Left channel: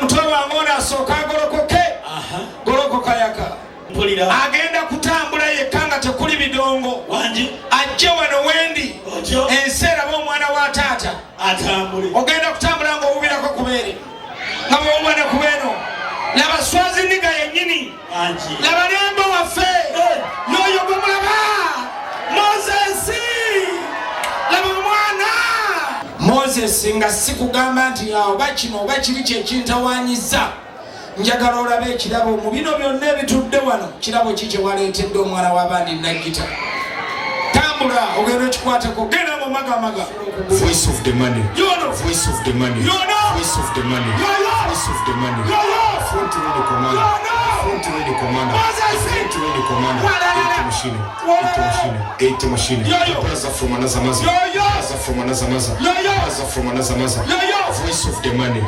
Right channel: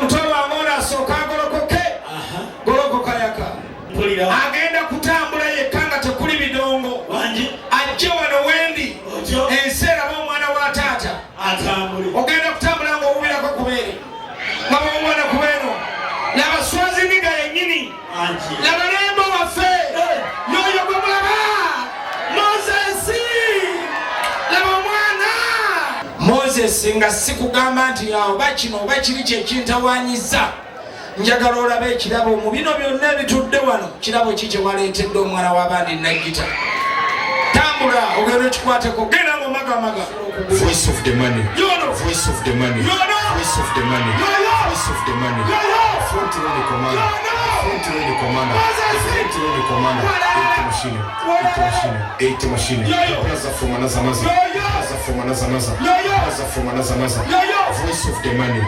mutoba ngona asooka agolokoke golokoka yaka agenda kutambula yekka nga tekuli bidongo ajje wano wendi enseera b'omwana wa taata ogenda kutambula ng'owubirako kubeere nga bw'omwana kubeeno laba Swazininga yennyini laba nembo waffe n'oyo gwe mulaba Moses laba omwana Moses nga sikugamba nti oba kino oba kiri kyekintawaanyiza njagala olabe ekirabo mu bino byonna ebitudde wano kirabo ki kye waleetedde omwana w'abaana Nagita tambula ogenda ekikwateko genda mu magamaga Voice of the money. yono Voice of the money. Voice of the money. Voice of the money. Front to the commander. Front to the commander. Front to the commander. Eight machine. Plaza from another maza. Plaza from another maza. Plaza from another maza. Voice of the money.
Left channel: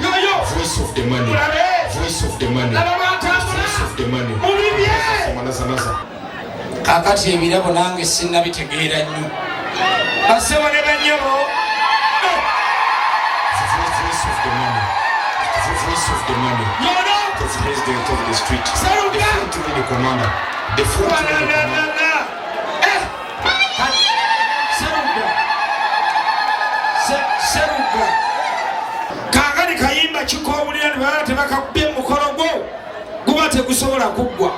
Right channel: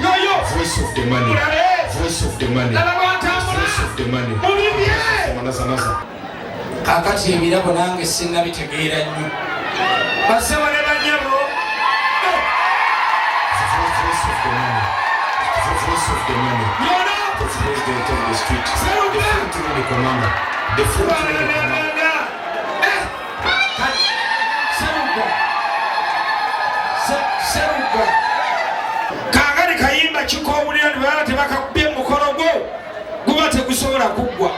Voice of the money. Voice of the money. Voice of the money. From another maza. Kakati ebirabo nange sinnabitegeera nnyo basewo ne banyabo Voice of the money. Voice of the money. The president of the street. The front to the commander. The front to the commander. Seruga kaagani kayimba kikoowulira ne baba tebakakubye mukolo gwo guba tegusobola kuggwa